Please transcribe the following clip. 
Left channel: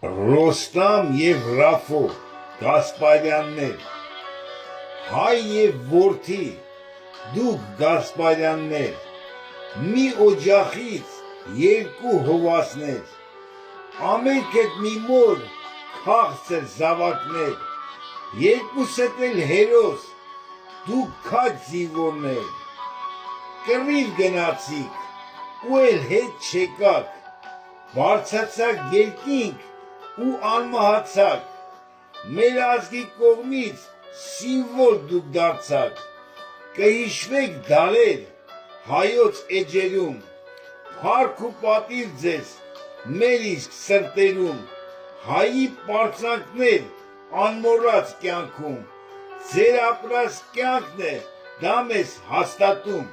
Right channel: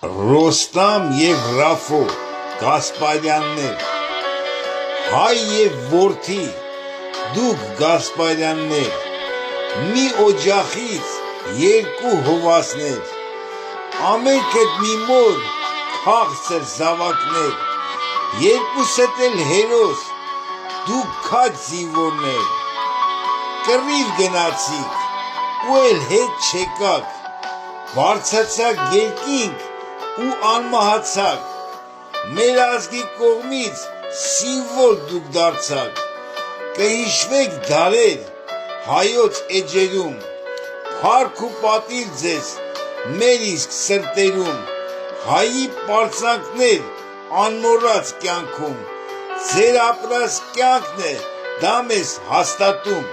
Ռոստամ և Ռաֆո Գասպարյաններ, հայ և որդի, դուք Գասպարյաններ, մի օջախից երկու հովասներ, ամերքդ մի մոր քաղցր զավակներ, երկուսդ էլ հերոս, դուք քաջ զինվորներ, կռիվ գնացիք ու էլ հետ չեկաք, բարձրացաք երկինք ու անմահացաք, մեր ազգի կողմից սիմվոլ դուք դարձաք, կհիշվեք դարեր հայոց էջերում, փառք ու պատիվ ձեզ մեր իսկ սրտերում, հայի պարծանքներ անմոռաց կյանքում, ձեր ապրած կյանքն է դա մեզ հաստատում։